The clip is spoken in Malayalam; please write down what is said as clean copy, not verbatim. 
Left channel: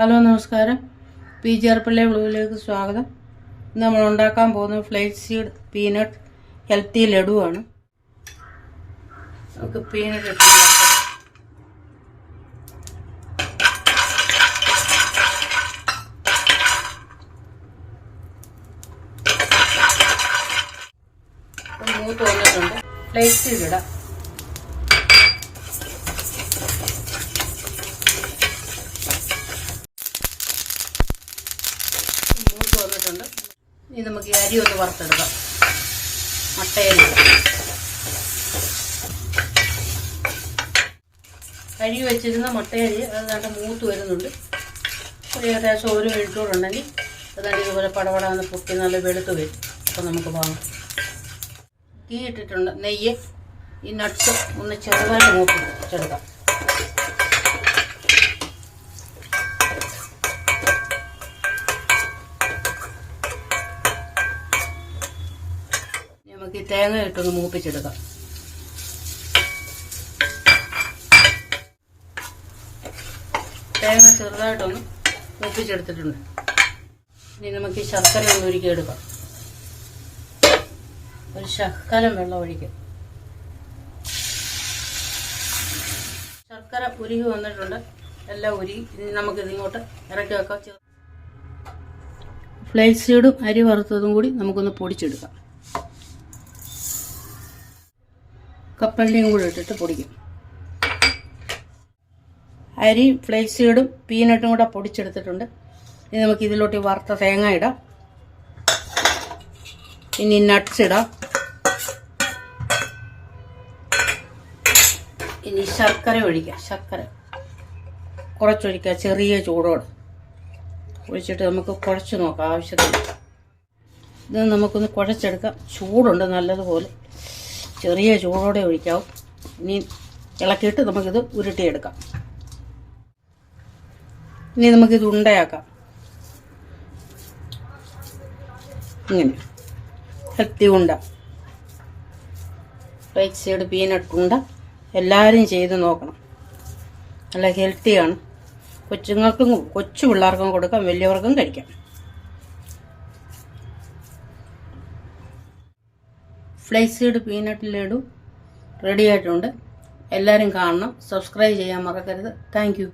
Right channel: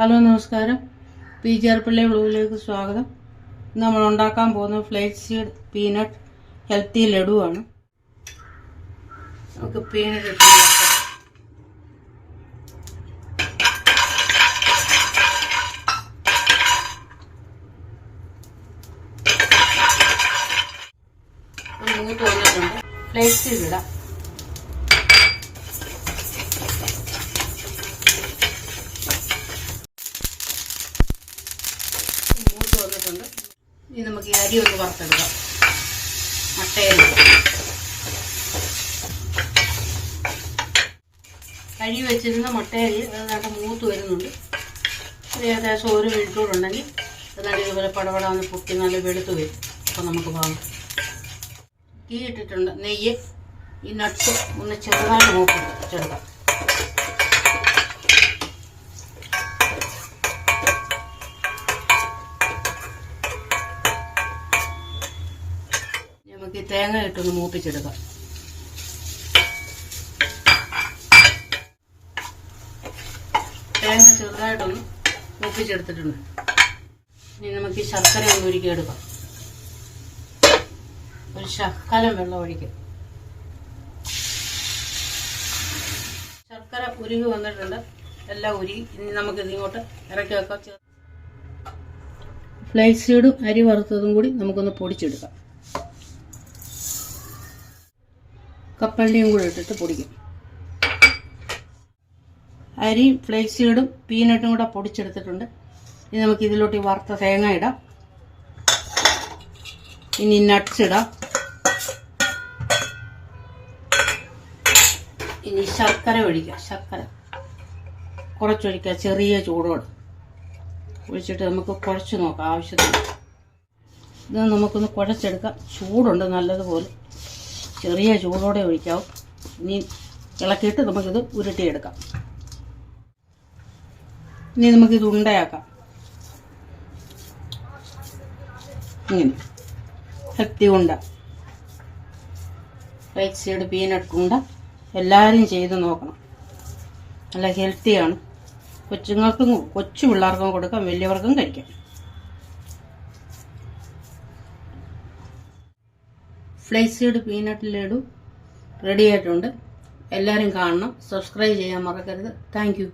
ഹലോ നമസ്കാരം. PGR പിള്ളേ വ്ലോഗിലേക്ക് സ്വാഗതം. ഇന്ന് നമ്മൾ ഉണ്ടാക്കാൻ പോകുന്ന ഫ്ലേക്സ് സീഡ് പീനട്ട് ഹെൽത്തി ലഡുവാണ്. നമുക്ക് പീനട്ട് ഇട്ട് മൂത്ത് വന്നിട്ടുണ്ട്. ഫ്ലേക്സ് സീഡ് ഇടാം. വന്നിട്ടുണ്ട്. ഇനി നമുക്ക് ഈ അരി ഒന്ന് വറുത്തെടുക്കാം. മുട്ടയരി അരി വെച്ചിരുന്ന മുട്ടയരി അതാണ്ട് മൂത്ത് വരുന്നുണ്ട്. ഏകദേശം 1 മിനിറ്റോടെ ഉണ്ടെങ്കിൽ അതാണ്ട് ഇതുപോലെ പടപടാന്ന് പൊട്ടി നല്ല വെളുത്ത് വരും. അപ്പം നമുക്ക് വാങ്ങാം. ഗീ ഇട്ടിട്ടുണ്ട്, നെയ്യ്, ഈ നട്ട്സ് ഒന്ന് ചെറുതായിട്ട് മൂപ്പിച്ചെടുക്കാം. നമുക്ക് ഈ തേങ്ങ ഇട്ടൊന്ന് മൂപ്പിച്ചെടുക്കാം. തേങ്ങ ചെറുതായിട്ടൊന്ന് മൂപ്പിച്ചെടുത്തിട്ടുണ്ട്. ഇനി നമുക്ക് ഈ ശർക്കര ഒന്ന് ഉരുക്കി എടുക്കാം. ഒരു ശകലം വെള്ളം ഒഴിക്കാം. ശർക്കര ഉരുകി വന്നിട്ടുണ്ട്. എല്ലാം ഉരുകി. ഇനി നമുക്ക് ഇതിങ്ങോട്ട് ഇറക്കി വെക്കാം. ഫ്ലേക്സ് സീഡും അരി വറുത്തതും കൂടി നമുക്കൊന്ന് പൊടിച്ചെടുക്കാം. കപ്പലിൻ്റെയും കൂടെ ഇട്ടിട്ട് പൊടിക്കും. അരിയും ഫ്ലേക്സ് സീഡും പീനട്ടും കൂടെ പൊടിച്ചെടുത്തിട്ടുണ്ട്. ഇനി നമുക്ക് ഇതിലോട്ട് വറുത്ത തേങ്ങ ഇടാം. ഇനി നട്ട്സ് ഇടാം. ഇനി ശർക്കര ഒഴിക്കാം. ശർക്കര കുറച്ചൊഴിക്കുക, ചെറിയ ചൂടോടെ ഒഴിച്ചിട്ട് നമുക്ക് കുഴച്ച് നോക്കാം ആവശ്യത്തിന്. ഇത് നമുക്കൊന്ന് കുഴച്ചെടുക്കാം. ചൂടുണ്ട് നല്ലതുപോലെ. ചെറിയ ചൂടോടെ ഒഴിക്കാവും. ഇനി ഇളക്കിയിട്ട് നമുക്കിത് ഉരുട്ടിയെടുക്കാം. ഇനി നമുക്കിത് ഉണ്ടയാക്കാം. ഇങ്ങനെ ഹെൽത്തി ഉണ്ട, ഫ്ലേക്സ് സീഡ് പീനട്ട് ഉണ്ട എല്ലാവരും ചെയ്ത് നോക്കണം. നല്ല ഹെൽത്തിയാണ്. കൊച്ചുങ്ങൾക്കും കൊച്ചു പിള്ളേർക്കും കൊടുക്കാം, വലിയവർക്കും കഴിക്കാം. Flakes seed peanut laddu ready ആയിട്ടുണ്ട്. എല്ലാവരും കാണണം. സബ്സ്ക്രൈബ് ചെയ്യാൻ മറക്കരുത്. Thank you.